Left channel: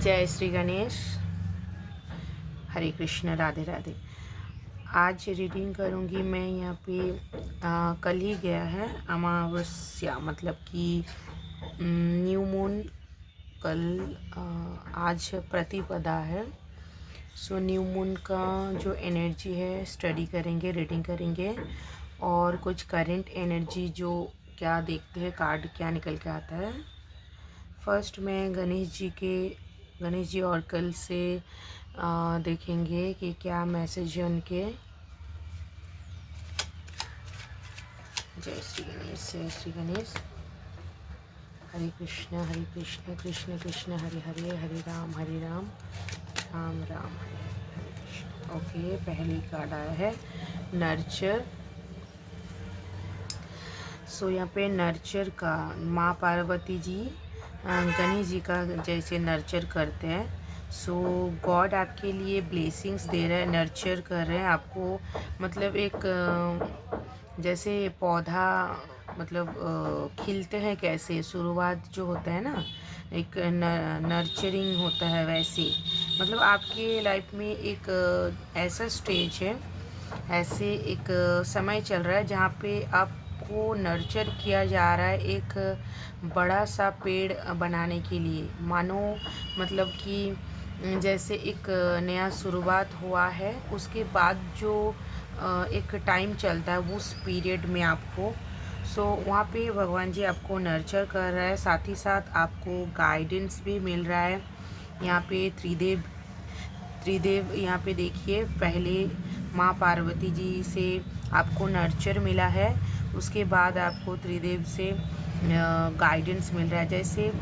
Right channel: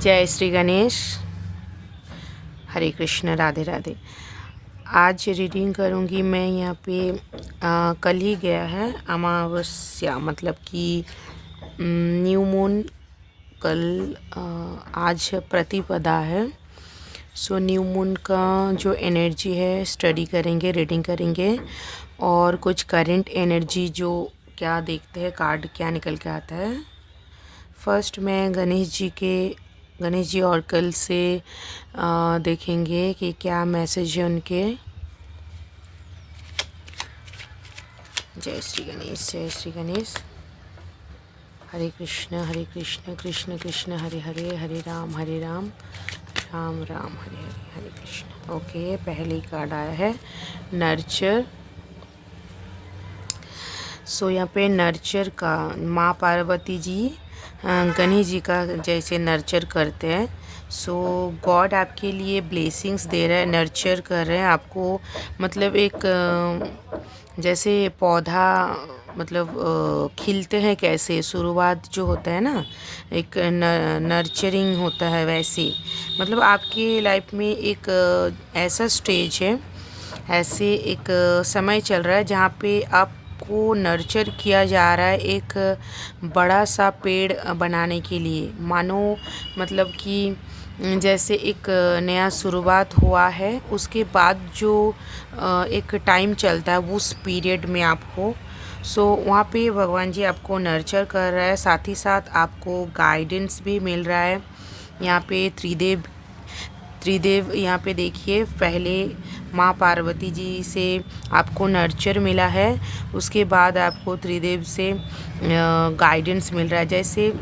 जय श्री गणेश। हरे कृष्ण, राधे राधे। आज रीडिंग करूँगी मैं यहाँ पे कल ही गया है अमावस्या, मतलब कि न्यू मून कल। आज प्रतिपदा है। सो न्यू मून का जो एनर्जी है स्टडी करेंगे, रीडिंग करेंगे और कुछ करंट एनर्जी जो क्या देखते हैं कार्ड क्या निकल के आता है। फर्स्ट मैं गणेश जी ऑर्कल से देखेंगे कि क्या मैसेज है उनके। जय श्री गणेश, जय श्री गणेश। हरे कृष्ण कृष्ण कृष्ण हरे हरे, हरे राम राम राम हरे हरे, हरे कृष्ण। ओके, पहली कार्ड आया है नर्चर। सो यहाँ पे नर्चर का माँ पार्वती जी गणेश जी का जैसे नर्चर करते हैं। सो गॉड आपके लिए ब्लेसिंग्स दे रहा है, नर्चर कर रहे हैं आपको। मतलब एक जैसे पौधा मतलब खिलते हैं कैसे, शुरुआत जो होता है ना, एक नर्चरिंग होता है, वैसे मतलब आपकी लाइफ में एक ऐसा स्टेज है, ऐसे एक समय चल रहा है जहाँ पे आपको नर्चर किया जा रहा है एक बड़ा सा पेड़ बनाने के लिए। मानो मतलब कि जैसे एक नया शुरुआत हुआ है, उसके बाद जो एक टाइम चलता है उस पीरियड में आपको वहाँ पे भगवान जी आपको नर्चर कर रहा है, साथ ही साथ आपको गाइडेंस भी मिल रहा है। यहाँ पे त्रिदेव यहाँ पे देखिए, पहले माँ पार्वती जी से आपको नर्चर मिला है, उसके बाद आपको त्रिदेव से गाइडेंस मिल रहा है। जैसे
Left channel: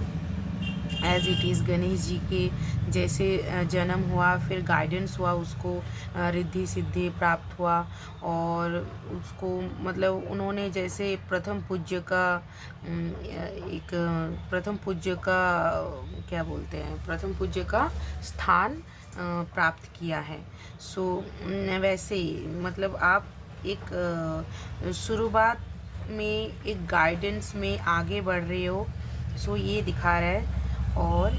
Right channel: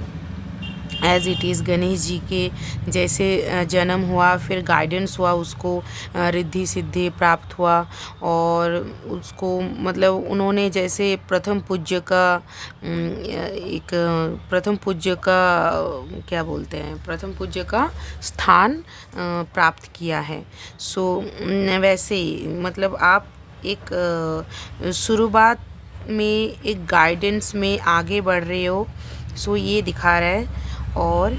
as it is Ganesh ji के जैसे जन्म हुआ, फिर गाइडेंस हुआ, उसको रिद्धि सिद्धि प्राप्त हुआ और उसको मतलब उन्होंने जैसे प्रथम पूज्य का क्या बोलते हैं, प्रथम पूज्य का स्थान प्राप्त किया है। वैसे ही मतलब आप एक शुरुआत में एक गाइडेंस में आगे बढ़ रहे हो, ये दिखा रहा है। और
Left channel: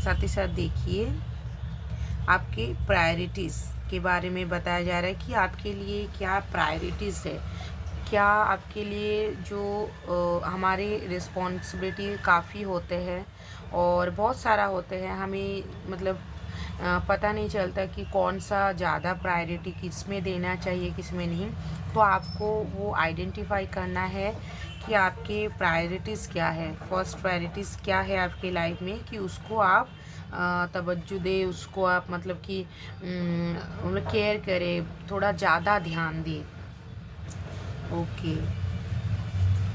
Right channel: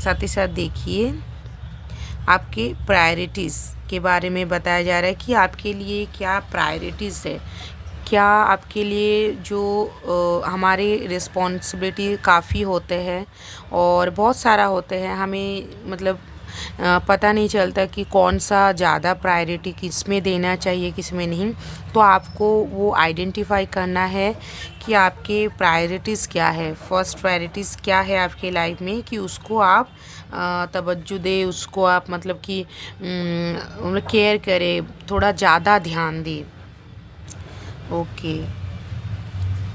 साथ ही साथ देखिए आपके प्रायोरिटीज़ के बारे में बताया जा रहा है कि आपके लिए क्या प्रायोरिटीज़ है, क्या आपके लिए जो हमारे रिस्पॉन्सिबिलिटी काफ़ी होते हैं और बहुत सारा होते हैं, हमें मतलब पता नहीं चलता कि कौन सा ज़्यादा प्रायोरिटी किस में देना चाहिए किस में नहीं। तो आपको वो आइडेंटिफाई करना है कि आपके प्रायोरिटीज़ क्या है, फर्स्ट प्रायोरिटीज़ क्या है आपके लाइफ में, कि उसको आप तवज्जो दे, उसको आप मतलब कि केयर करें, थोड़ा ज़्यादा ध्यान दें। ओके,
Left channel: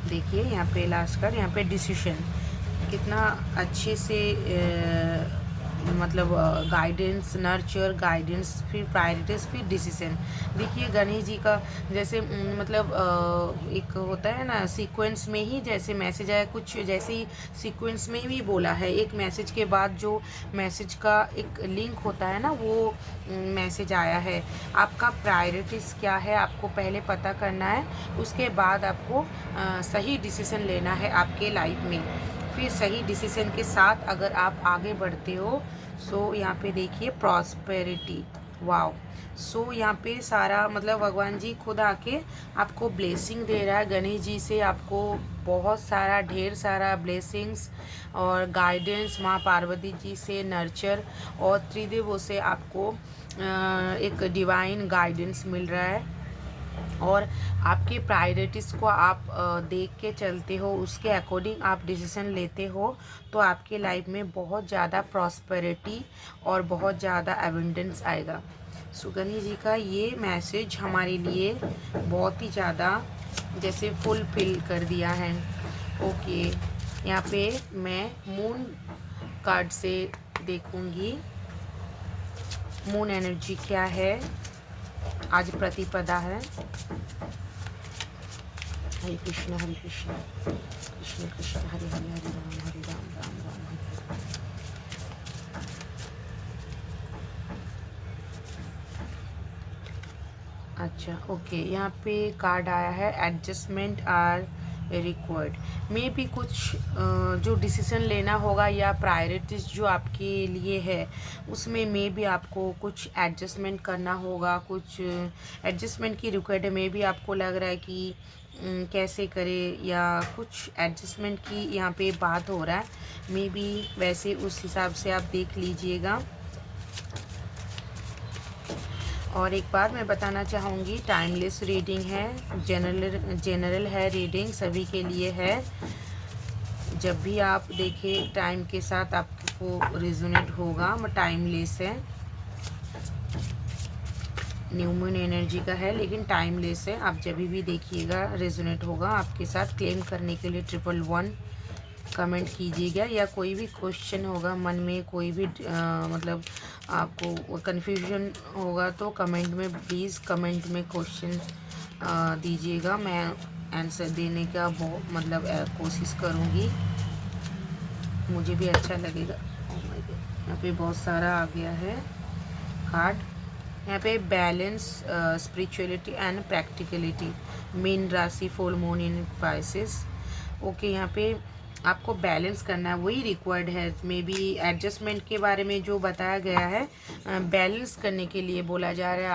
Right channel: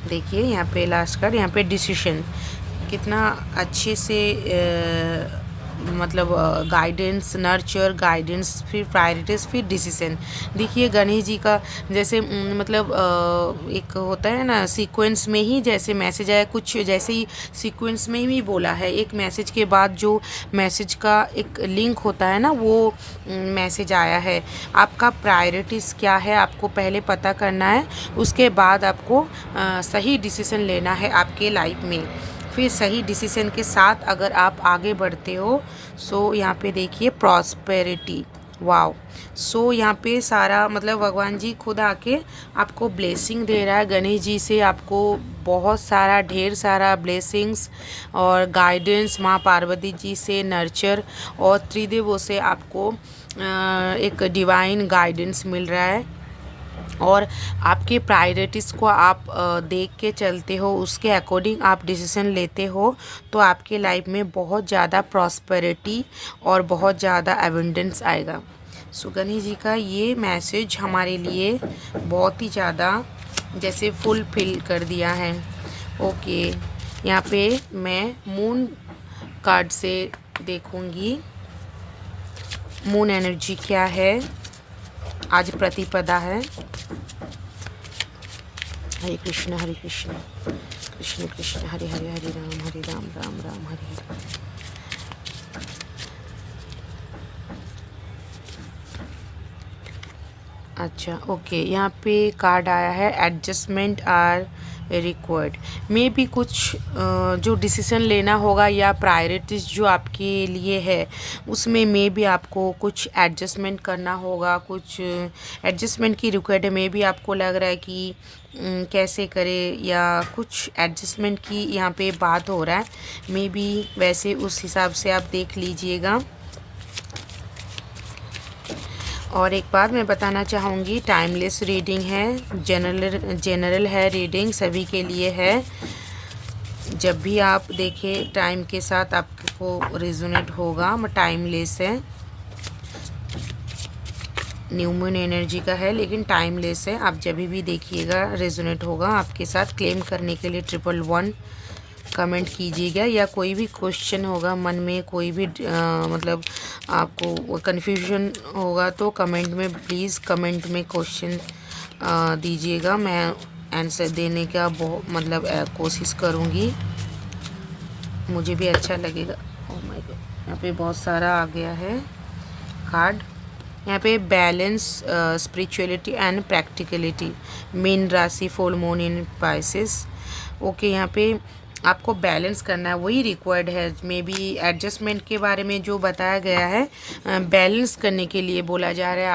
देखिए यहाँ पे लास्ट कार्ड, यहाँ पे डिसीजन कितना अच्छे से मतलब गाइडेंस, नर्चर, गाइडेंस, फिर प्रायोरिटीज़, फिर डिसीजन। देखिए गणेश जी का जैसे मतलब एक होता है ना सीक्वेंस में ही जैसे मैसेज आया, कुछ जैसे ही सीक्वेंस में ही बोला है, एक मैसेज के बाद जो मैसेज का एक लिंक होता है ना, वो मैसेज आया है। आपका प्रायोरिटीज़ क्या है आपको पहले पता करना है, उसके बाद आपको सही डिसीजन लेना है आपके लाइफ में। फिर सही डिसीजन के साथ अगर आप आगे बढ़ते हो, यहाँ पे देखिए प्रॉस्पेरिटी, वाओ। यहाँ पे सारा मतलब भगवान जी खुद आके आपको ब्लेसिंग दे रहा है। गणेश जी से आपको बहुत सारा ढेर सारा ब्लेसिंग्स और गाइडेंस, माँ पार्वती जी से नर्चर और त्रिदेवों से आपको एक डिवाइन गाइडेंस मिल रहा है। और आपके प्रायोरिटीज़ को आप देख के चलते हो, उसके अकॉर्डिंग आप डिसीजन लेते हो, तो आपके लाइफ में बहुत ज़्यादा प्रॉस्पेरिटी और बहुत ज़्यादा एबंडेंस आएगा। गणेश जी का ये मैसेज हमारे लिए बहुत ही ज़्यादा जैसे फुलफिल कर दिया है। ओके, यहाँ पे मैं मून कार्ड से देखूँगी मून एनर्जी क्या है। आज प्रतिपदा है। हरे कृष्ण कृष्ण कृष्ण हरे हरे, हरे राम राम हरे हरे। अच्छा, ओके, यहाँ पे कार्ड आया है एडजस्टमेंट आर रिक्वायर्ड। मे भी कुछ जो डिसीज़न लेना होगा या प्रायोरिटीज़ जो आपके लिए है उसमें मे भी आपको कुछ एडजस्टमेंट करना होगा, कुछ एडजस्टमेंट की रिक्वायर्ड है। मे भी आपको लग रहा है कि कैसे करें या कुछ एडजस्टमेंट की यहाँ पे बात हो रहा है। मे बी वैसे उस हिसाब से आप देख लीजिएगा। और एक बात मैं बताना चाहूँगी, टाइमलेस रीडिंग है, जनरल है, रीडिंग सभी के लिए है। जब भी आप देखें टाइम के साथ आपको रेजोनेट होगा। टाइमलेस है, न्यू मून एनर्जी का है लेकिन टाइमलेस है। आप जब भी देखिएगा रेजोनेट होगा आपके साथ। क्लेम करने के लिए 111 कमेंट कीजिएगा, या कोई भी क्वेश्चन होगा मन में, कोई भी मतलब आपको कन्फ्यूजन होगा तो कमेंट में प्लीज़ कमेंट में क्वेश्चन दीजिएगा। मैं आंसर देने का मतलब कोशिश करूँगी, मुझे भी अच्छा लगेगा। यहाँ पे बहुत सारा आ गया है कार्ड। यहाँ पे बैलेंस, स्पिरिचुअलिटी एंड प्रैक्टिकलिटी, मीन राशि, full moon in Pisces. Okay, यहाँ पे आपको बैलेंस करना है, वही रिक्वायर्ड है। मे बी एडजस्टमेंट के बारे में जो बताया गया है, बैलेंस करने के लिए बोला जा रहा है।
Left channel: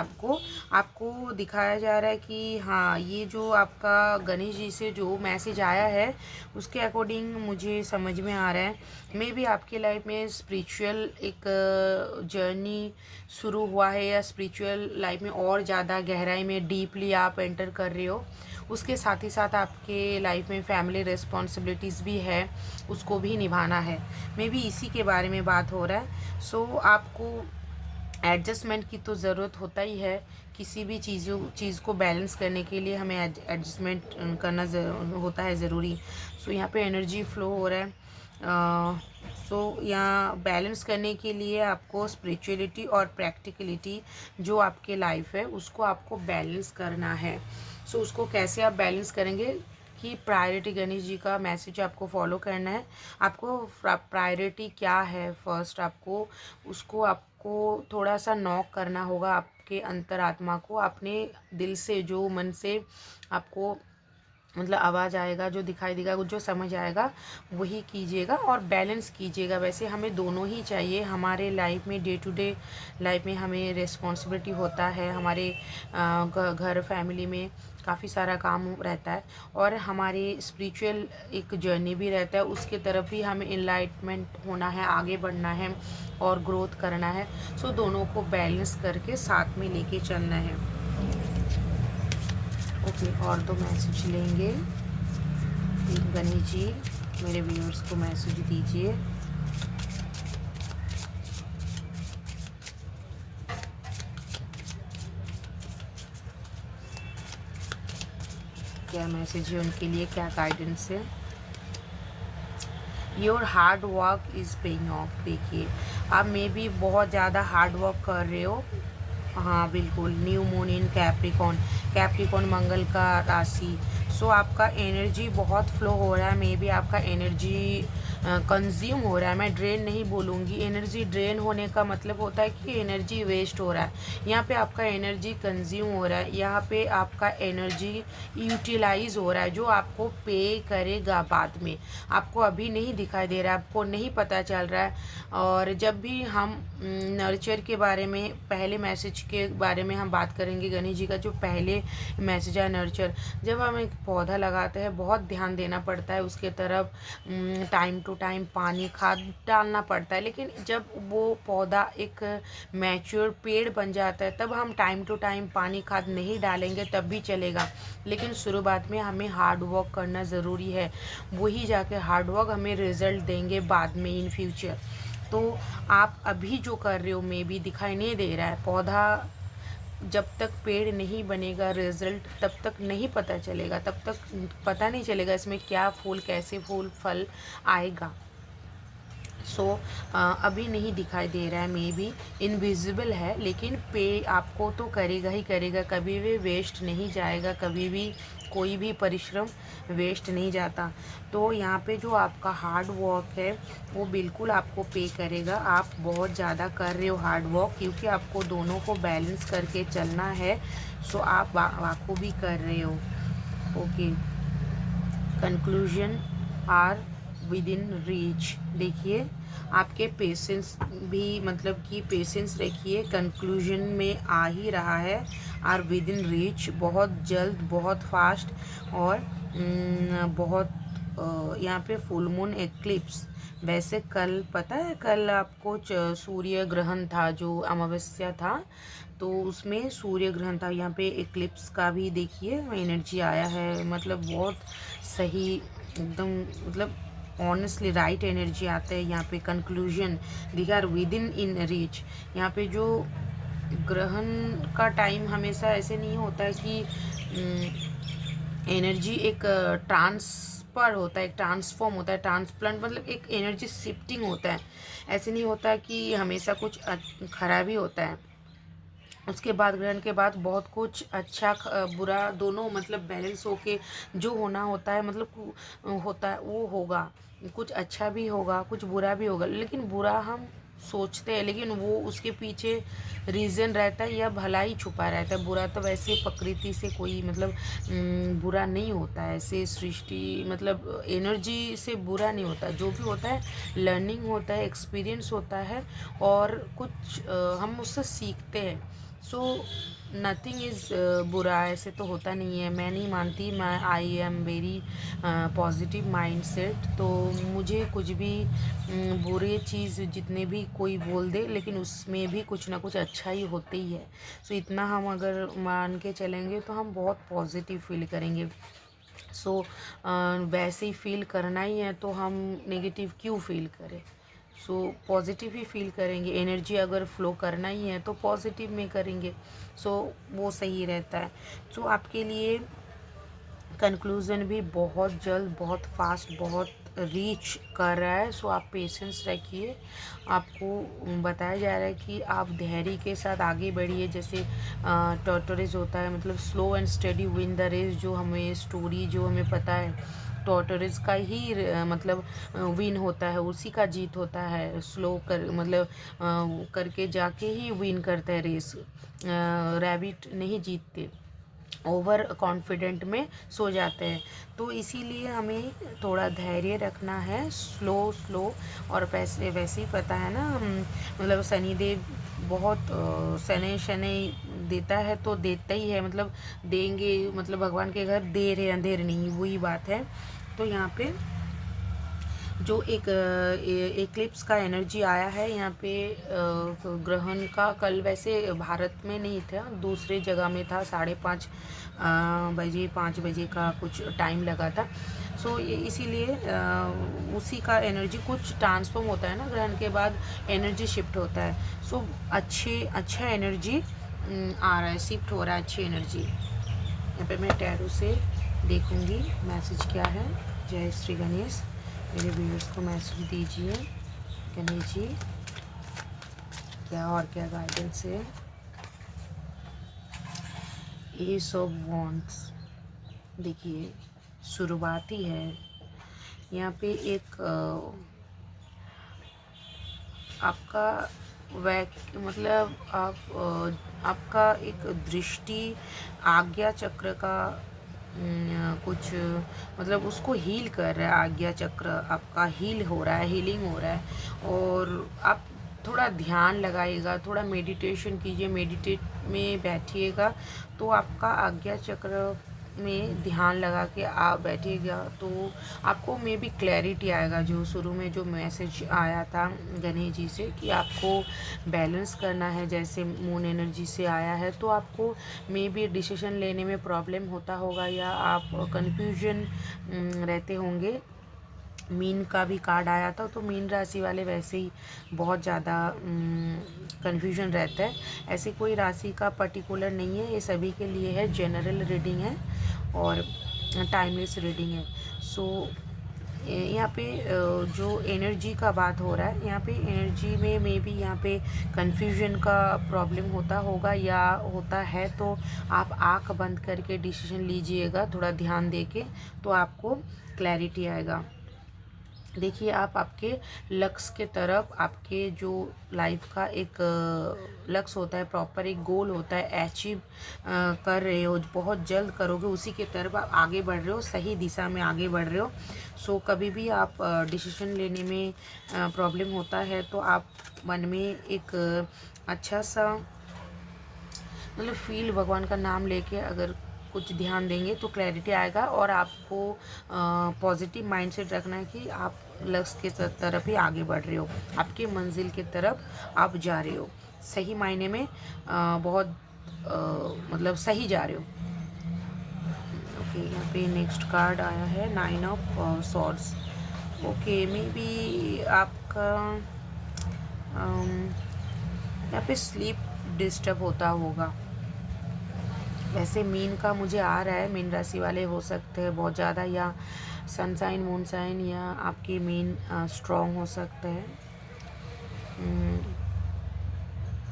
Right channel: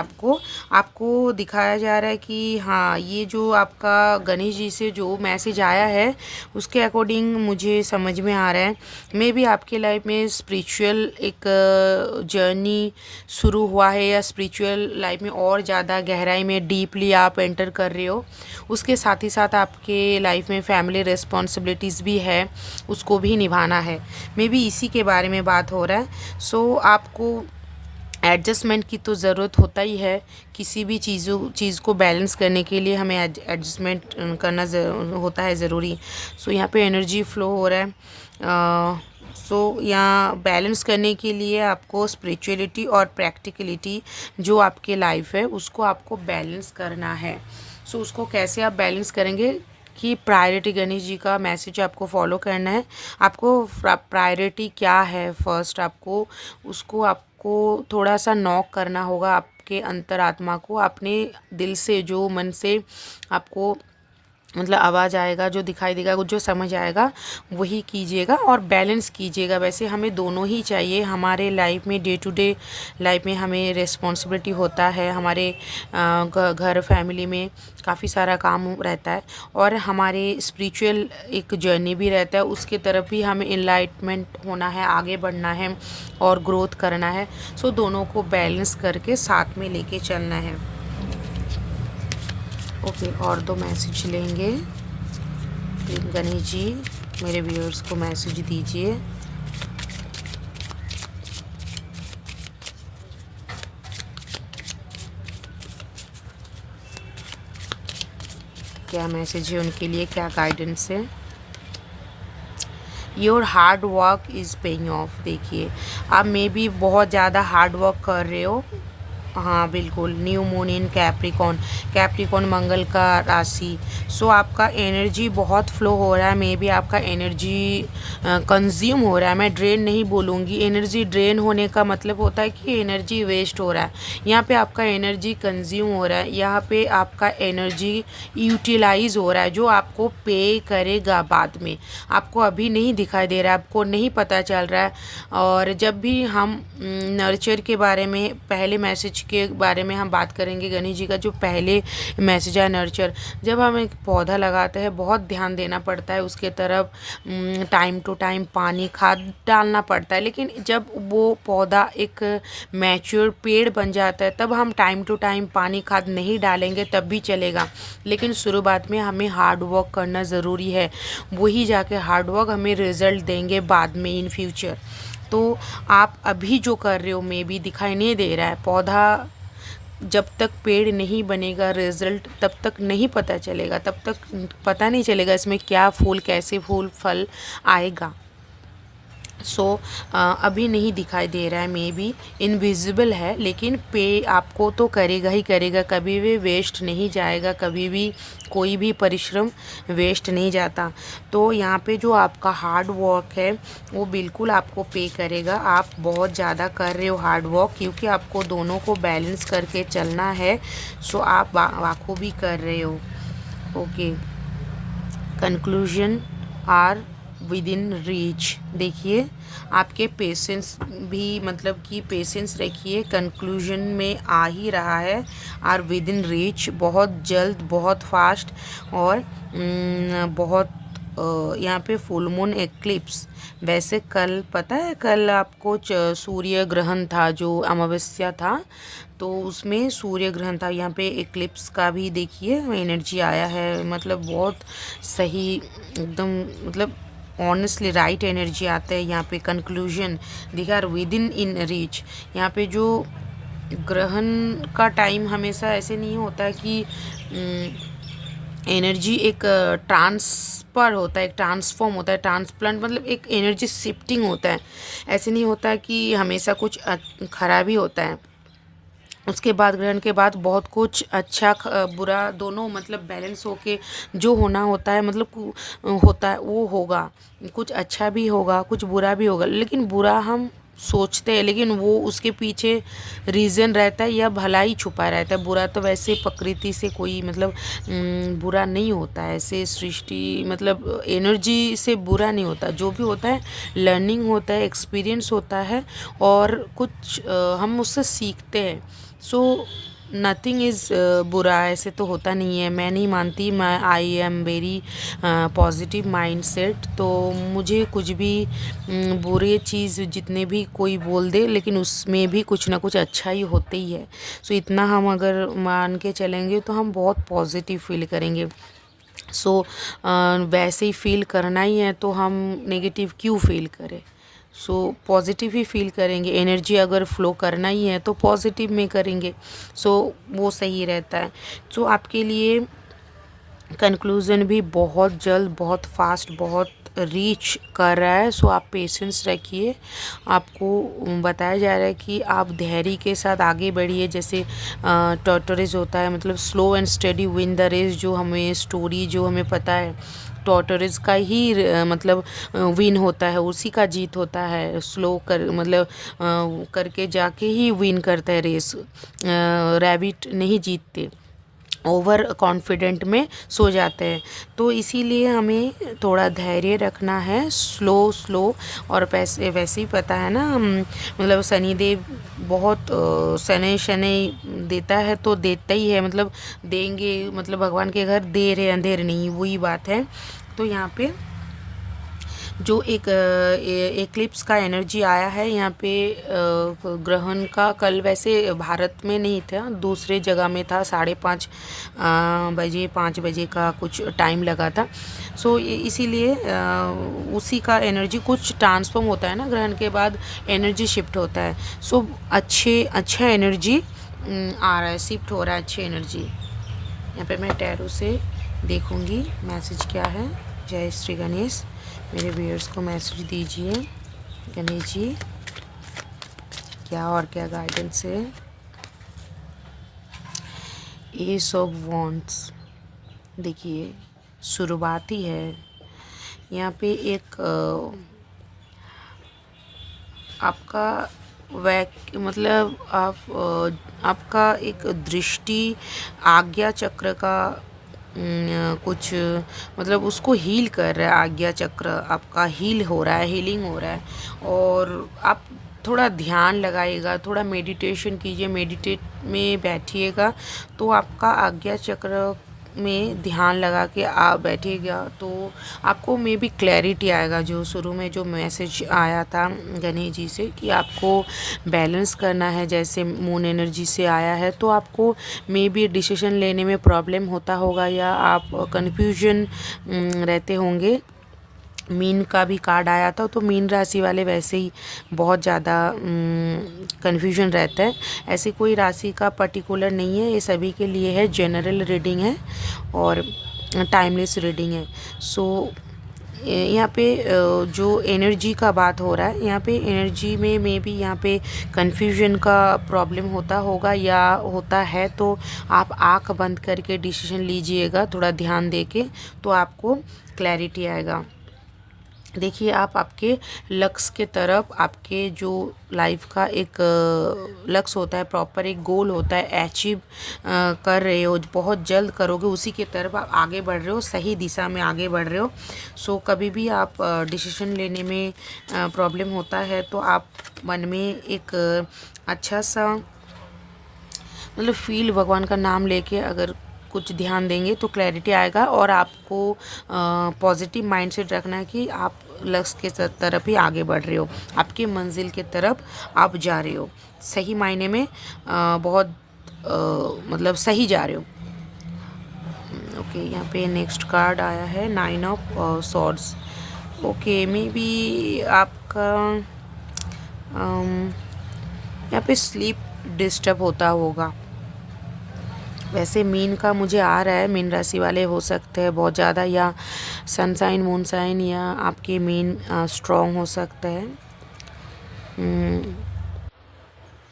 आपको दिखाया जा रहा है कि हाँ, ये जो आपका गणेश जी से जो मैसेज आया है उसके अकॉर्डिंग मुझे समझ में आ रहा है। मे बी आपके लाइफ में स्पिरिचुअल एक जर्नी शुरू हुआ है, या स्पिरिचुअल लाइफ में और ज़्यादा गहराई में डीपली आप एंटर कर रहे हो। उसके साथ ही साथ आपके लाइफ में फैमिली रिस्पॉन्सिबिलिटीज़ भी है, उसको भी निभाना है। मे बी इसी के बारे में बात हो रहा है। सो आपको एडजस्टमेंट की तो ज़रूरत होता ही है। किसी भी चीज़ को बैलेंस करने के लिए हमें एडजस्टमेंट करना होता है ज़रूरी। सो यहाँ पे एनर्जी फ्लो हो रहा है। सो यहाँ बैलेंस करने के लिए आपको स्पिरिचुअलिटी और प्रैक्टिकलिटी जो आपके लाइफ है उसको आपको बैलेंस करना है। सो उसको कैसे आप बैलेंस करेंगे कि प्रायोरिटी, गणेश जी का मैसेज आपको फॉलो करना है। आपको प्रायोरिटी क्या है फर्स्ट, आपको थोड़ा सा नॉक करना होगा आपके अंतरात्मा को, अपने दिल से, जो मन से आपको मतलब आवाज़ आएगा, जो दिखाई देगा, जो समझ आएगा वही कीजिएगा और बैलेंस कीजिएगा। वैसे हमें दोनों ही चाहिए हमारे लाइफ में। डे टू डे लाइफ में हमें रिस्पॉन्सिबिलिटी होता है, हमारे घर फैमिली में काफ़ी सारा काम रहता है, और हमारे स्पिरिचुअल एक जर्नी भी रहता है, उसके तरफ भी हमें इनलाइटमेंट होना है, आगे बढ़ना है और ग्रोथ करना है। सो दोनों को बैलेंस करके साथ में लेके चलना है। ओके, और दो मैसेज लेंगे। गणेश जी मेरे व्यूअर्स को मैसेज दीजिए। क्या मैसेज है उनके लिए, क्या गाइडेंस है। Your hard work is paying off. देखिए आप मे बी बहुत ज़्यादा हार्ड वर्क कर रहे हो। हाँ बिल्कुल, न्यू मून इन कैप्रिकॉन मंगल का राशि। सो आपका एनर्जी बहुत फ्लो हो रहा है। मे बी आपका एनर्जी कंज्यूम हो रहा है। मैं ड्रेन नहीं बोलूँगी, एनर्जी ड्रेन होने का मतलब होता है कि एनर्जी वेस्ट हो रहा है। यहाँ पे आपका एनर्जी कंज्यूम हो रहा है, यहाँ पे आपका एनर्जी यूटिलाइज हो रहा है, जो आपको पे करेगा बाद में। आपको अभी नहीं दिखाई दे रहा है, आपको नहीं पता चल रहा है। और जब भी हम नर्चर के बारे में, पहले मैसेज के बारे में हम बात करेंगे, गणेश जी का जो पहले मैसेज है नर्चर। जब हम एक पौधा लगाते हैं बहुत ध्यान देना पड़ता है उसके तरफ, टाइम टू टाइम पानी खाद डालना पड़ता है। लेकिन जब वो पौधा एक मैच्योर पेड़ बन जाता है तब हम टाइम टू टाइम पानी खाद नहीं डालेंगे तब भी चलेगा, लेकिन शुरुआत में हमें हार्ड वर्क करना ज़रूरी है। वही जाके हार्ड वर्क हमें रिजल्ट देंगे बाद में, इन फ्यूचर। तो आप अभी जो कर रहे हो मे बी दिखाई नहीं दे रहा है। पौधा जब तक पेड़ नहीं बनेगा, रिजल्ट तब तक नहीं पता चलेगा, तब तक पता नहीं चलेगा इसमें क्या फूल, कैसे फूल फल आएगा। सो अभी नहीं दिखाई दे रहा है, मे बी इनविजिबल है, लेकिन पे आपको तो करेगा ही करेगा, कभी भी वेस्ट नहीं जाएगा, कभी भी कोई भी परिश्रम वेस्ट नहीं जाता। तो यहाँ पे जो आपका हार्ड वर्क है वो बिल्कुल आपको पे करेगा। आप बहुत ज़्यादा कर रहे हो हार्ड वर्क, क्योंकि आपको दोनों को बैलेंस करके चलना है। सो आप वाको भी कर रहे हो। Okay, conclusion are within reach. देखिए आपके पेशेंस भी, मतलब कि पेशेंस रखिए, कंक्लूजन में आ ही रहा है। आर विद इन रीच, बहुत जल्द, बहुत फास्ट। और बहुत यहाँ पे फुल मून एक्लिप्स। वैसे कल पता है, कल आपको सूर्य ग्रहण था, जो अमावस्या था, तो उसमें सूर्य ग्रहण था। यहाँ पे एक्लिप्स का भी देखिए एनर्जी आया है, मतलब बहुत सही एकदम, मतलब ऑनेस्टली राइट एनर्जी आता है यहाँ पे। कंक्लूजन दिखा विद इन रीच। यहाँ पे जो ग्रहण का टाइम हमेशा ऐसे नहीं होता है कि एनर्जी एक ट्रांसफर होता है, एक ट्रांसफॉर्म होता है, ट्रांसप्लांट मतलब एक एनर्जी शिफ्टिंग होता है। ऐसे नहीं होता है कि हमेशा कुछ खराब ही होता है। उसके बाद ग्रहण के बाद बहुत कुछ अच्छा बुरा दोनों मतलब बैलेंस होके जो होना होता है, मतलब होता है वो होगा। कुछ अच्छा भी होगा, कुछ बुरा भी होगा, लेकिन बुरा हम सोचते हैं, लेकिन वो उसके पीछे रीज़न रहता है या भलाई छुपा रहता है। बुरा तो वैसे प्रकृति से कोई मतलब बुरा नहीं होता है, ऐसे सृष्टि मतलब एनर्जी से बुरा नहीं होता। जो भी होता है लर्निंग होता है, एक्सपीरियंस होता है, और कुछ हम उससे सीखते हैं। सो नथिंग इज़ बुरा, ऐसे तो होता नहीं है। मैं नहीं मानती, मैं I am very positive mind set. तो मुझे कुछ भी बुरे चीज़ जितने भी कोई बोल दे, लेकिन उसमें भी कुछ ना कुछ अच्छा ही होते ही है। सो इतना हम अगर मान के चलेंगे तो हम बहुत पॉजिटिव फील करेंगे। सो वैसे ही फील करना ही है तो हम नेगेटिव क्यों फील करें। सो पॉजिटिव ही फील करेंगे। एनर्जी अगर फ्लो करना ही है तो पॉजिटिव में करेंगे। सो वो सही रहता है। सो आपके लिए कंक्लूज़न भी बहुत जल्द, बहुत फास्ट, बहुत रीच कर रहा है। सो आप पेशेंस रखिए। आपको बताया जा रहा है कि आप धैर्य के साथ आगे बढ़िए। जैसे टॉर्टोरेज होता है, मतलब slow and steady win the race. जो हमें स्टोरी जो हमें पता है, टॉर्टोरेज का ही मतलब विन होता है, उसी का जीत होता है। स्लो कर मतलब करके जाके ही विन करता है रेस। रैबिट नहीं जीतते, ओवर कॉन्फिडेंट में सो जाते हैं। तो इसीलिए हमें थोड़ा धैर्य रखना है, स्लो स्लो। और पैसे वैसे ही पता है ना, मतलब शनिदेव बहुत शनै शनै देता है तो देता ही है, मतलब देंगे, मतलब भगवान के घर देर है अंधेर नहीं, वही बात है। तो यहाँ पे जो एक एक्लिप्स का एनर्जी आया है यहाँ पे, ग्रहण का कल वैसे भारत में नहीं था, दूसरे जगह में था। 5:30 बजे 5 बजे का कुछ टाइम लगा था। सो इसीलिए उसी का एनर्जी कुछ ट्रांसफॉर्म होता है ना, ग्रहण के बाद एनर्जी शिफ्ट होता है। सो अच्छा एनर्जी आ रहा है, शिफ्ट हो रहा है, अच्छी एनर्जी। यहाँ पे मैं टैरो से देखूँगी मैसेज क्या है। जय श्री गणेश। मेरे व्यूअर्स को मैसेज दीजिए गणेश जी, क्या और क्या गाइडेंस है। एस ऑफ वॉन्ड्स, देखिए शुरुआत ही है यहाँ पे। एक आपका मतलब आपका एक दृष्टि आज्ञा चक्र का कुछ मतलब उसको हील कर रहा है। आज्ञा चक्र आपका हील हो रहा है, हीलिंग हो रहा है। और आप थोड़ा ध्यान लगाइएगा, थोड़ा मेडिटेशन कीजिए, मेडिटेट में बैठिएगा तो आपका आज्ञा चक्र में ध्यान लगा के आप बैठिएगा तो आपको मे बी क्लैरिटी आएगा। जो शुरू में जो मैसेज आया था गणेश जी से कि आपको बैलेंस करना है, जैसे मून एनर्जी से आया है, तो आपको मे बी डिसीजन लेने में प्रॉब्लम होता होगा या आप कन्फ्यूजन रहते होंगे। मीन का भी कार्ड आया था, तो मीन राशि वाले वैसे ही बहुत ज़्यादा कन्फ्यूजन रहता है। ऐसी कोई राशि का पर्टिकुलर नहीं है, ये सभी के लिए है, जनरल रीडिंग है और टाइमलेस रीडिंग है। सो यहाँ पे जो एनर्जी का बात हो रहा है, यहाँ पे एनर्जी में मे बी यहाँ पे कन्फ्यूजन का प्रॉब्लम होता होगा या होता है, तो आप आँख बंद करके डिसीजन लीजिएगा थोड़ा ध्यान देके, तो आपको क्लैरिटी आएगा। देखिए आप आपके लक्ष्य के तरफ, आपके जो लाइफ का एक लक्ष्य होता है, प्रॉपर एक गोल होता है, अचीव कर रहे हो, बहुत जल्द करोगे, उसी के तरफ आप आगे बढ़ रहे हो, सही दिशा में आगे बढ़ रहे हो। सो कभी भी आप डिसीजन लेने में प्रॉब्लम होता है तो आप मन में एक अच्छा सा मतलब फील, भगवान का नाम लेके अगर कुछ ध्यान देंगे तो क्लैरिटी आएगा। और आपको पॉजिटिव माइंडसेट रखना है कि आप लक्ष्य के तरफ ही आगे बढ़ रहे हो, आपकी मंजिल के तरफ आप जा रहे हो, सही मायने में बहुत मतलब सही जा रहे हो। ओके, यहाँ पे नेक्स्ट कार्ड आया है 9 of swords. Okay, may be आपका यहाँ पे स्लीप डिस्टर्ब होता होगा। वैसे मीन का मुझे आ रहा है, मीन राशि वाले हो सकते हैं बहुत ज़्यादा, या सनसाइन मूनसाइन, या आपके मीन स्ट्रॉन्ग हो सकता है।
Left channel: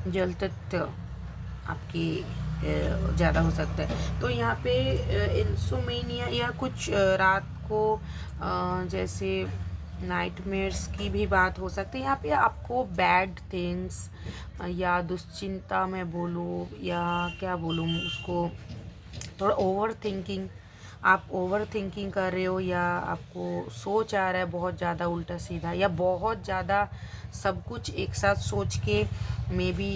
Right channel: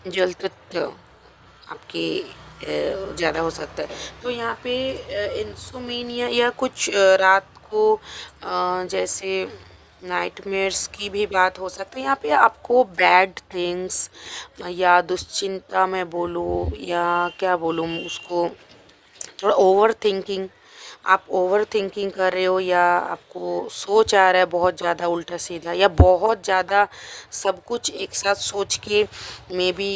जल तत्व आपके ज़्यादा हो सकता है। तो यहाँ पे इंसोमेनिया या कुछ रात को जैसे नाइटमेयर्स की भी बात हो सकती है। यहाँ पे आपको बैड थिंग्स या दुश्चिंता मैं बोलूँ या क्या बोलूँ उसको, थोड़ा ओवर थिंकिंग, आप ओवर थिंकिंग कर रहे हो, या आपको सोच आ रहा है बहुत ज़्यादा उल्टा सीधा, या बहुत ज़्यादा सब कुछ एक साथ सोच के मे बी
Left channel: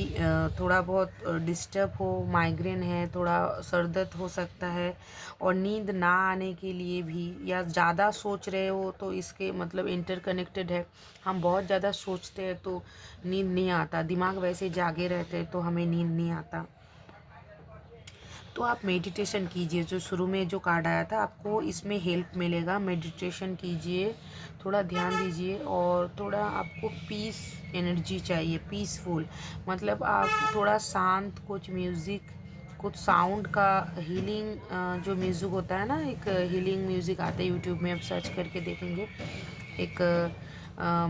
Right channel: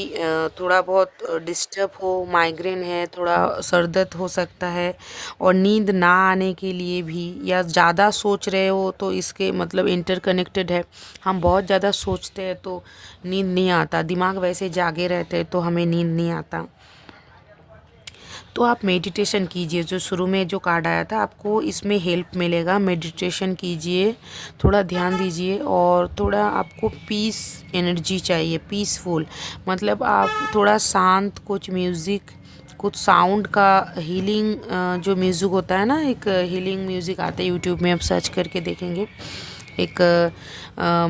थोड़ा बहुत डिस्टर्ब हो, माइग्रेन है, थोड़ा सर दर्द हो सकता है। और नींद ना आने के लिए भी, या ज़्यादा सोच रहे हो तो इसके मतलब इंटरकनेक्टेड है। हम बहुत ज़्यादा सोचते हैं तो नींद नहीं आता, दिमाग वैसे जागे रहते हैं तो हमें नींद नहीं आता। तो आप मेडिटेशन कीजिए, जो शुरू में जो कार्ड आया था आपको इसमें हेल्प मिलेगा। मेडिटेशन कीजिए, थोड़ा ध्यान दीजिए, और थोड़ा आपको पीस एनर्जी चाहिए, पीसफुल, मतलब आप थोड़ा शांत कुछ म्यूज़िक, कुछ साउंड का हीलिंग जो म्यूज़िक होता है ना, एक हीलिंग म्यूज़िक आता है यूट्यूब में, आप सर्च करके देखेंगे। एक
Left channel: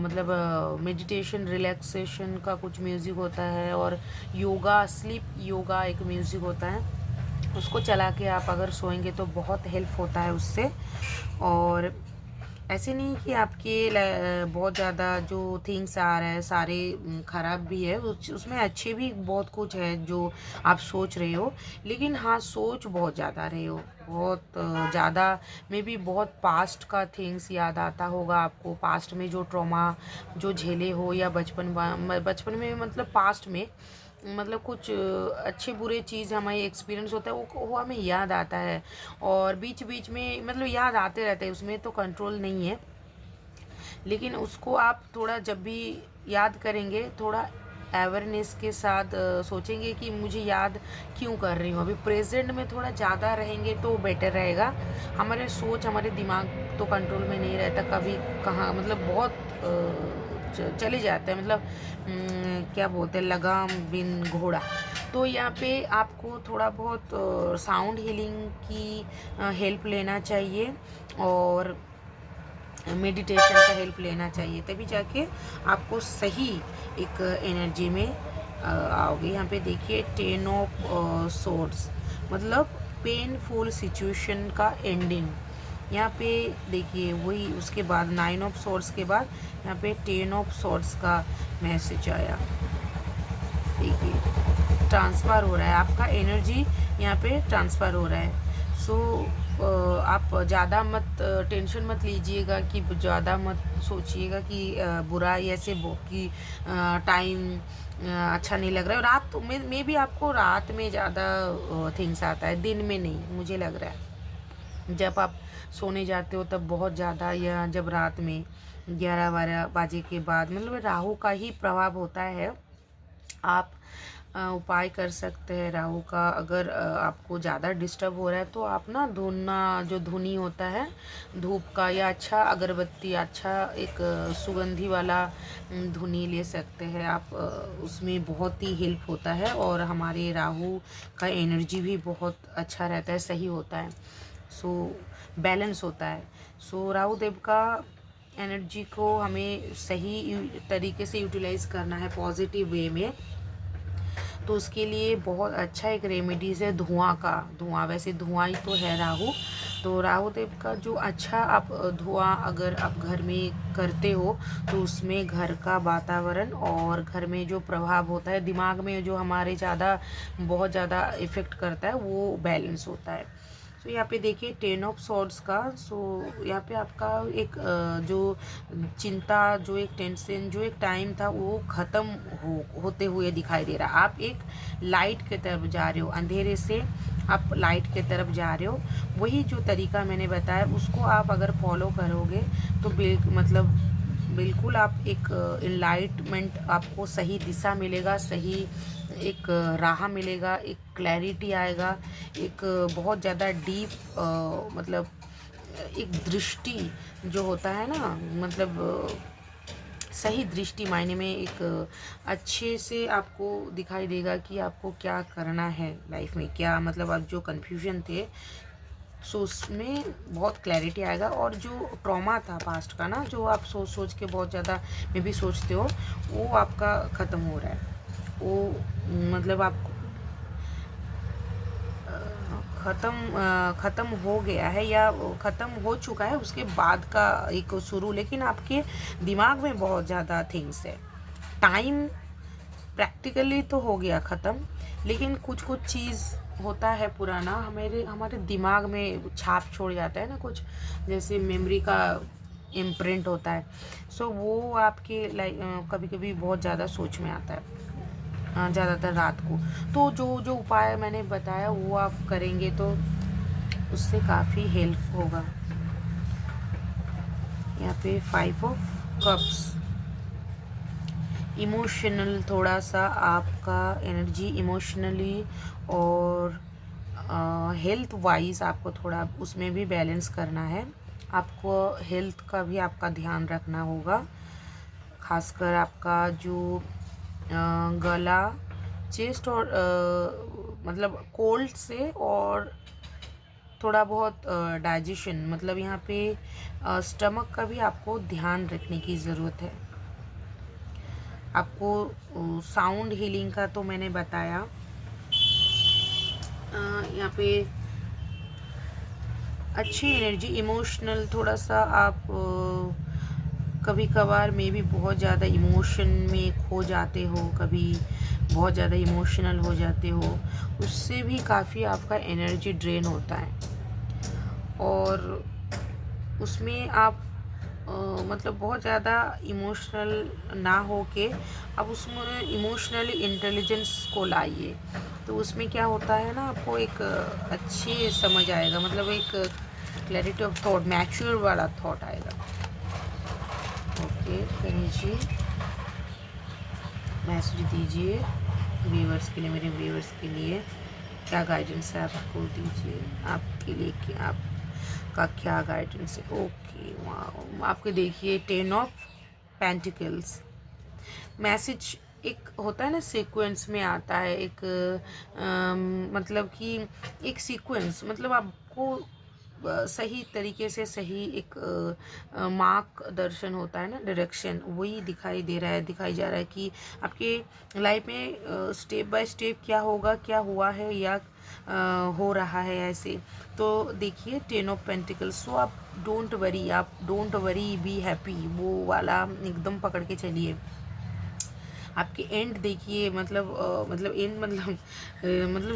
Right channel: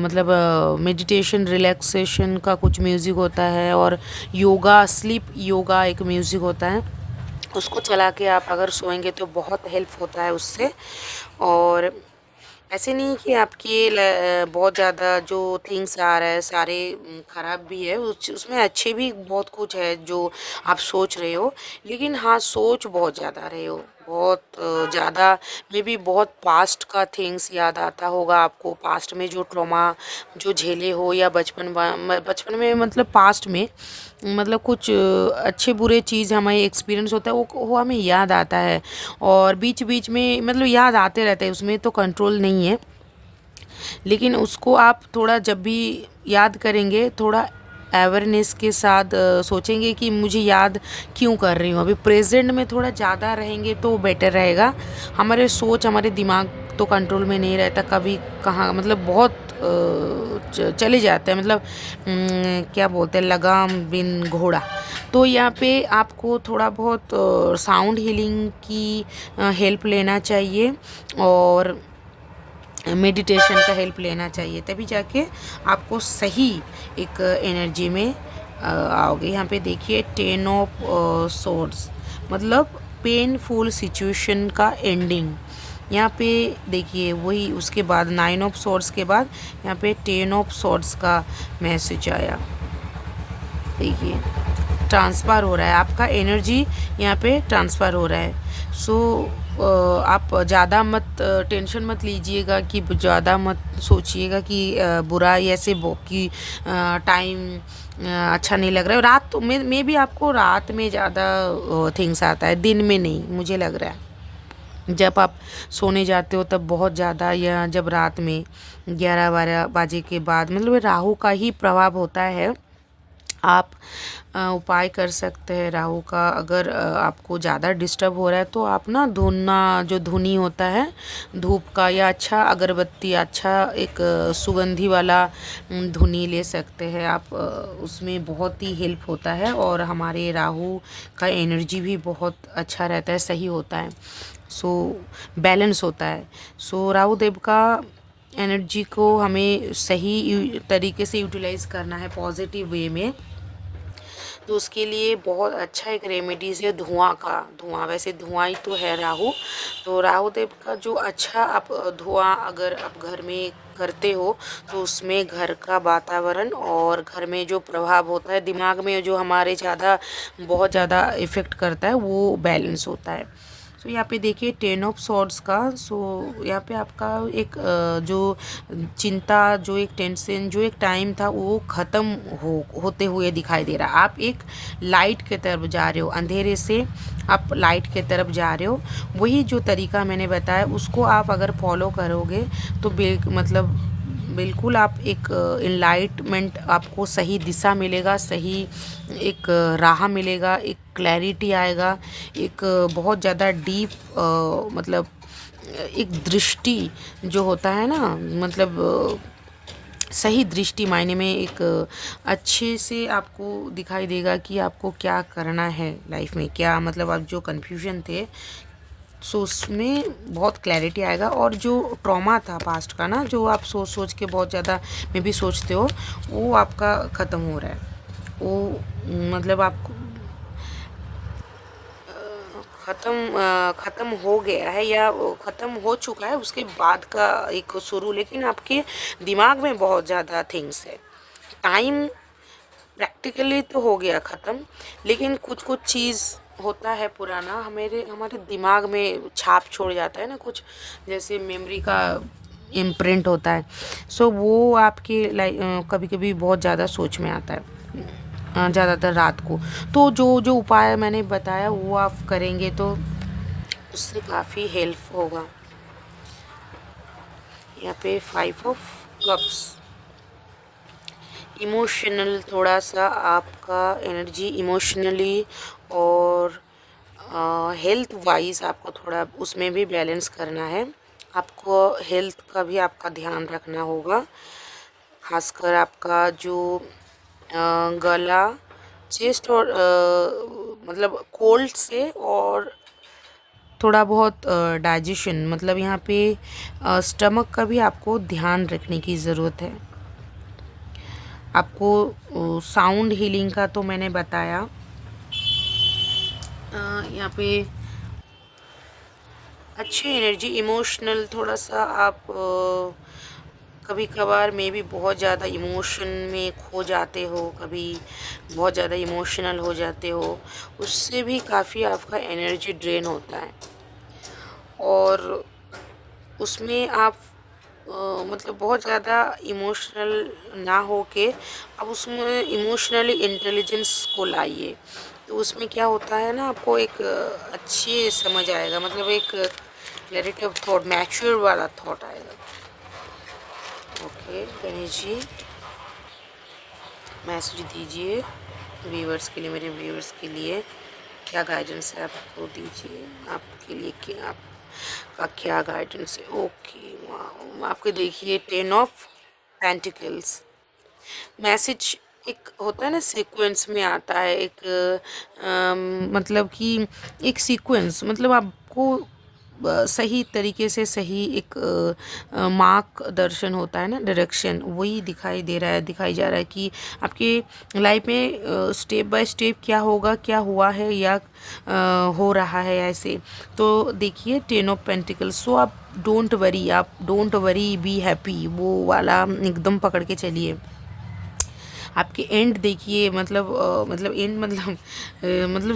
मतलब मेडिटेशन रिलैक्सेशन का कुछ म्यूज़िक होता है, और योगा, स्लीप योगा एक म्यूज़िक होता है, उसको चला के आप अगर सोएंगे तो बहुत हेल्प होता है उससे। और ऐसे नहीं कि आपके बहुत ज़्यादा जो थिंग्स आ रहा है सारे ख़राब भी है, उसमें अच्छे भी बहुत कुछ है जो आप सोच रहे हो, लेकिन हाँ सोच बहुत ज़्यादा रहे हो, बहुत ज़्यादा। मे बी बहुत पास्ट का थिंग्स याद आता होगा आपको, पास्ट में जो ट्रॉमा जो झेले हो, या बचपन में मतलब पास्ट में मतलब कुछ अच्छे बुरे चीज़ हमें एक्सपीरियंस होता है, वो हमें याद आता है, और बीच बीच में मतलब याद आते रहते हैं, उसमें तो कंट्रोल नहीं है। लेकिन उसको आप थोड़ा जब भी याद करेंगे, थोड़ा अवेयरनेस के साथ सोचेंगे कि मुझे याद क्यों कर रही हूँ, अभी प्रेजेंट में थोड़ा ज़्यादा रहेंगे तो बेटर रहेगा। हमारे सोच, हमारे दिमाग तो कंट्रोल में नहीं रहता, कभी कहाँ मतलब बहुत चले जाते हैं, मतलब क्या बोलते हैं, लगाम बिन घोड़ा। तो यहाँ पे आपको थोड़ा बहुत साउंड हीलिंग की हेल्प लेना चाहिए, और मेडिटेशन का हेल्प लेना चाहिए, तभी जाके आपको सही एक एनर्जी में आओगे। यहाँ पे देखिए 10 ऑफ सोर्ड्स, मतलब पेनफुल सिचुएशन का एंडिंग। यहाँ पे देखिए वही, उसके बाद 9 ऑफ सोर्ड्स के बाद यहाँ पे 10 ऑफ सोर्ड्स का मैसेज आया। देखिए ट्रांसफ़र हो रहा है, आपका एनर्जी यहाँ पे ट्रांसफ़र हो रहा है। सो आप ज़्यादा मत टेंशन मत लीजिएगा, कि ज़्यादा मत सोचिएगा कि बुरा ऐसे कि टाइम अच्छा नहीं लग रहा है। रात तो में भी आपको रात में ज़्यादा थिंग्स आता है, दिन में नहीं मुझे लग रहा है। जब आप सोने जाते हो तब बहुत ज़्यादा, या जब रात में 11-12 बजे के बाद, मतलब राहु का ही प्रभाव होता है। आप उपाय कर सकते हैं राहु का, अगर आपको ज़्यादा डिस्टर्ब हो रहा है तो आप ना धुना, जो धुनी होता है धूप का, या अच्छा अगरबत्ती, अच्छा एक सुगंधी वाला धुनी ले सकते हैं आप, उसमें बहुत ही हेल्प होता है, और हमारे राहु का एनर्जी भी बहुत अच्छा रहता है, सही होता है, सो बैलेंस होता है। सो राहु देव का एनर्जी को हमें सही तरीके से यूटिलाइज़ करना है, पॉजिटिव वे में। तो उसके लिए बहुत अच्छा एक रेमेडीज है धुआं का। धुआं, वैसे धुआं ही तो है राहु, तो राहु देव का जो अच्छा आप धुआं अगर आप घर में करते हो तो उसमें घर का वातावरण और घर में जो प्रभाव होता है दिमाग में जो हमारे ज़्यादा बहुत ज़्यादा इफ़ेक्ट करता है वो बैलेंस होता है। सो यहाँ पे देखिए 10 ऑफ सॉर्ड्स का। सो यहाँ पे आपका एक जो चिंता, जो एक टेंशन, जो एक टाइम था वो ख़त्म होते हुए दिखाई दे रहा। आप एक लाइट की तरफ जा रहे हो, अंधेरे से आप लाइट की तरफ जा रहे हो। वही जो तरीका मैंने बताया उसको आप अगर फॉलो करोगे तो मतलब बिल्कुल आप एक इनलाइटमेंट, आपको सही दिशा मिलेगा, सही एक राह मिलेगा, एक क्लैरिटी आएगा, एक बहुत ज़्यादा डीप मतलब एक दृष्टि जो होता है ना, मतलब सही दृष्टि मायने में एक अच्छे से आपको दिखाई देगा कि आपको क्या करना है लाइफ में, क्या मतलब आप जो कन्फ्यूजन थे सो उसमें बहुत क्लैरिटी आएगा। और जो ट्रॉमा था पास्ट का ना, जो आप सोच सोच के बहुत ज़्यादा में भी सोचते हो, वो आपका ख़त्म हो रहा है। वो मतलब आपको ख़त्म हो गया है या ख़त्म हो चुका है, उसके बाद का एक शुरू। लेकिन आपके दिमाग में बहुत ज़्यादा थिंग्स है। टाइम प्रैक्टिकली तो हो गया ख़त्म, लेकिन कुछ कुछ चीज़ होता है पुराना हमारे हमारे दिमाग में छाप छोड़ जाता है ना, कुछ जैसे मेमोरी का इम्प्रिंट होता है। सो वो आपके लाइक कभी कभी बहुत ज़्यादा सोच में आता है, ज़्यादातर रात को। तो जो जो उपाय मैंने बताया वो आप करेंगे तो उससे काफ़ी हेल्प होगा। यहाँ पे 5 ऑफ कप्स, इमोशनल, थोड़ा सा आपका एनर्जी इमोशनली और हेल्थ वाइज आपको थोड़ा उसमें भी बैलेंस करना है। आपको हेल्थ का भी आपका ध्यान रखना होगा, खासकर आपका जो गला, चेस्ट और मतलब कोल्ड से, और थोड़ा बहुत डाइजेशन, मतलब यहाँ पे स्टमक का भी आपको ध्यान रखने की ज़रूरत है। आपको साउंड हीलिंग का तो मैंने बताया। यहाँ पे अच्छी एनर्जी, इमोशनल, थोड़ा सा आप कभी कभार में भी बहुत ज़्यादा इमोशन में खो जाते हो, कभी बहुत ज़्यादा इमोशनल हो जाते हो, उससे भी काफ़ी आपका एनर्जी ड्रेन होता है। और उसमें आप मतलब बहुत ज़्यादा इमोशनल ना हो के अब उसमें इमोशनली इंटेलिजेंस को लाइए, तो उसमें क्या होता है ना, आपको एक अच्छी समझ आएगा, मतलब एक क्लैरिटी ऑफ थॉट, मैच्योर वाला थॉट आएगा। ओके करिए जी, मैसेज दीजिए व्यूअर्स के लिए, मेरे व्यूअर्स के लिए क्या गाइडेंस है आपको, दीजिए आपके लिए क्या, आपका क्या गाइडेंस है। ओके वहाँ आपके देखिए 10 ऑफ पेंटिकल्स, मैसेज एक होता है ना सीक्वेंस में आता है, एक मतलब कि एक सीक्वेंस, मतलब आपको सही तरीके से सही एक मार्गदर्शन होता है ना, डायरेक्शन, वही दिखाई दे रहा है, दिखाई जा रहा है कि आपके लाइफ में स्टेप बाय स्टेप क्या होगा, क्या हुआ है या हो रहा है ऐसे। तो देखिए 10 ऑफ पेंटिकल्स, सो आप डोंट वरी, आप डोंट वरी बी हैप्पी, वो वाला एकदम पकड़ के चलिए। आपके एंड देखिए, मतलब एंड मतलब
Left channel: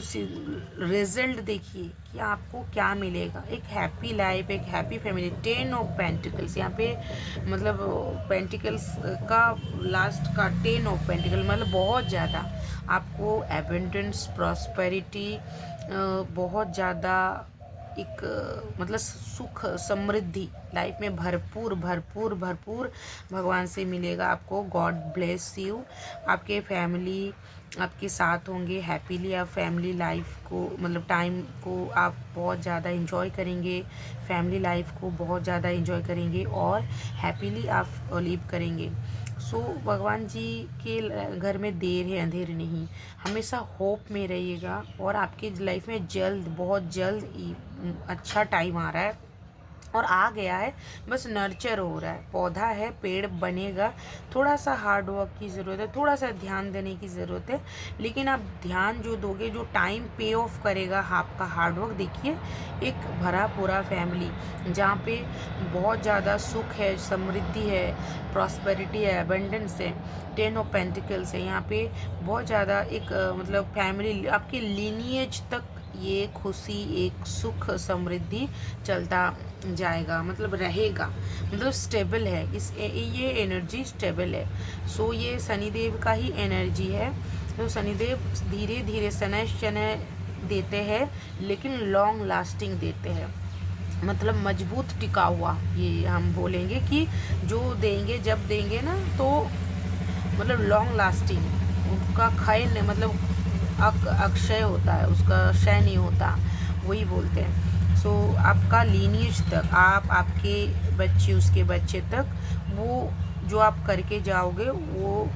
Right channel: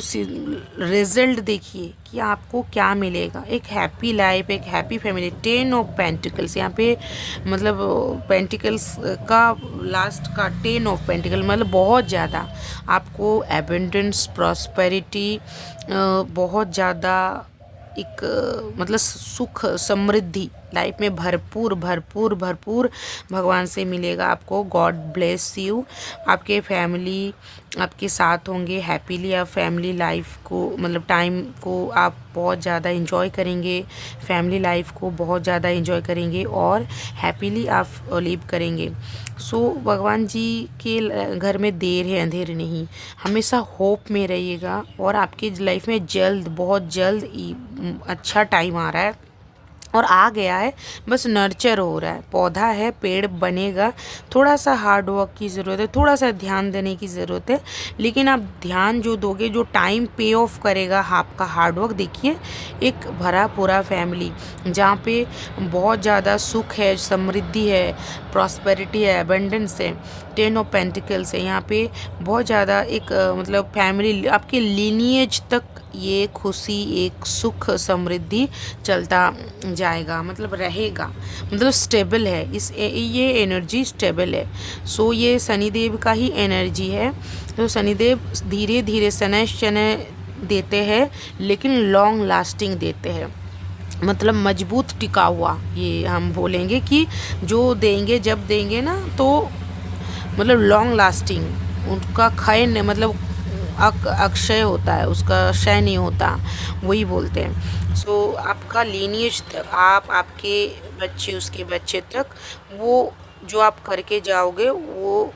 रिजल्ट देखिए कि आपको क्या मिलेगा, एक हैप्पी लाइफ, एक हैप्पी फैमिली। 10 ऑफ पेंटिकल्स यहाँ पे मतलब पेंटिकल्स का लास्ट का 10 ऑफ पेंटिकल, मतलब बहुत ज़्यादा आपको एबंडेंस, प्रॉस्पेरिटी, बहुत ज़्यादा एक मतलब सुख समृद्धि लाइफ में भरपूर भरपूर भरपूर भगवान से मिलेगा आपको। God bless you. आपके फैमिली आपके साथ होंगे हैप्पीली, आप फैमिली लाइफ को मतलब टाइम को आप बहुत ज़्यादा इंजॉय करेंगे, फैमिली लाइफ को बहुत ज़्यादा इंजॉय करेंगे और हैप्पीली आप लिव करेंगे। सो भगवान जी के घर में देर है अंधेर नहीं, हमेशा होप में रहिएगा और आपकी लाइफ में जल्द, बहुत जल्द अच्छा टाइम आ रहा है और आ गया है, बस नर्चर हो रहा है, पौधा है, पेड़ बनेगा। थोड़ा सा हार्ड वर्क की ज़रूरत है, थोड़ा सा ध्यान देने की ज़रूरत है, लेकिन आप ध्यान जो दोगे, जो टाइम पे ऑफ करेगा आपका हार्ड वर्क। देखिए एक भरा पूरा फैमिली जहाँ पे बहुत ज़्यादा सुख है, समृद्धि है, प्रॉस्पेरिटी है, एबंडेंस है, 10 ऑफ पेंटिकल्स है। यहाँ पे बहुत ज़्यादा एक मतलब फैमिली, आपके लीनिएज तक ये खुशी, एक सुख, समृद्धि चलता जाएगा, मतलब रहेगा, मतलब स्टेबल है। ये एनर्जी स्टेबल है। सो ये शनिदेव का ही एनर्जी है। तो शनिदेव धीरे धीरे शनै शनै देते हैं, लेकिन लॉन्ग लास्टिंग देते हैं, मतलब मजबूत टिका हुआ। ये हम बोलेंगे कि जो देंगे, जब देंगे ना, तो मतलब लॉन्ग लास्टिंग, उनका क्षय नहीं, मतलब अक्षय होता है, उसका क्षय नहीं होता, वही बोलते हैं। सो आपका लीनिएज तक, आप, आपके बच्चे, उसके बच्चे तक, वो जो आप करके जाओगे वो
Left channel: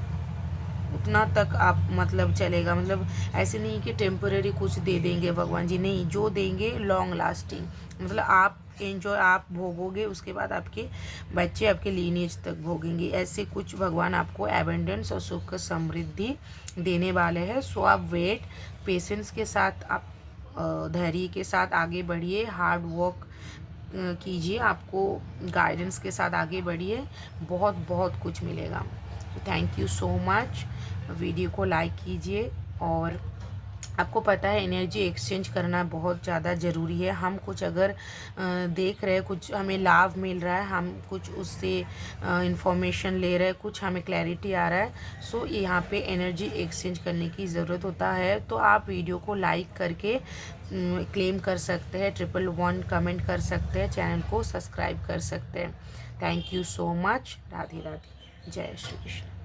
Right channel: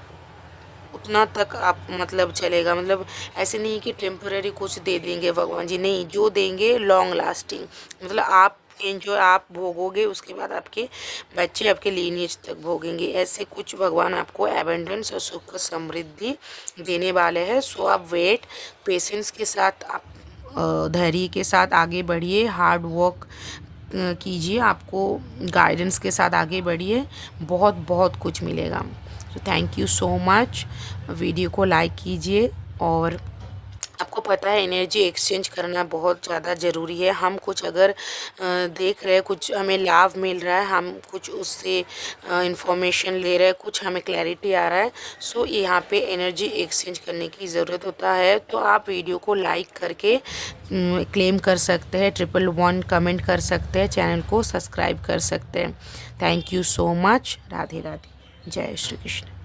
उतना तक आप मतलब चलेगा। मतलब ऐसे नहीं कि टेम्पररी कुछ दे देंगे भगवान जी, नहीं, जो देंगे लॉन्ग लास्टिंग, मतलब आप एंजॉय, आप भोगोगे, उसके बाद आपके बच्चे आपके लीनिएज तक भोगेंगे। ऐसे कुछ भगवान आपको एबंडेंस और सुख समृद्धि देने वाले हैं। सो आप वेट, पेशेंस के साथ, आप धैर्य के साथ आगे बढ़िए, हार्ड वर्क कीजिए, आपको गाइडेंस के साथ आगे बढ़िए, बहुत बहुत कुछ मिलेगा। तो thank you so much. Video को लाइक कीजिए, और आपको पता है एनर्जी एक्सचेंज करना बहुत ज़्यादा ज़रूरी है। हम कुछ अगर देख रहे हैं, कुछ हमें लाभ मिल रहा है, हम कुछ उससे इंफॉर्मेशन ले रहे हैं, कुछ हमें क्लैरिटी आ रहा है, सो यहाँ पे एनर्जी एक्सचेंज करने की ज़रूरत होता है। तो आप वीडियो को लाइक करके क्लेम कर सकते हैं, 111 कमेंट कर सकते हैं, चैनल को सब्सक्राइब कर सकते हैं। Thank you so much. Radhe Radhe, जय श्री कृष्ण।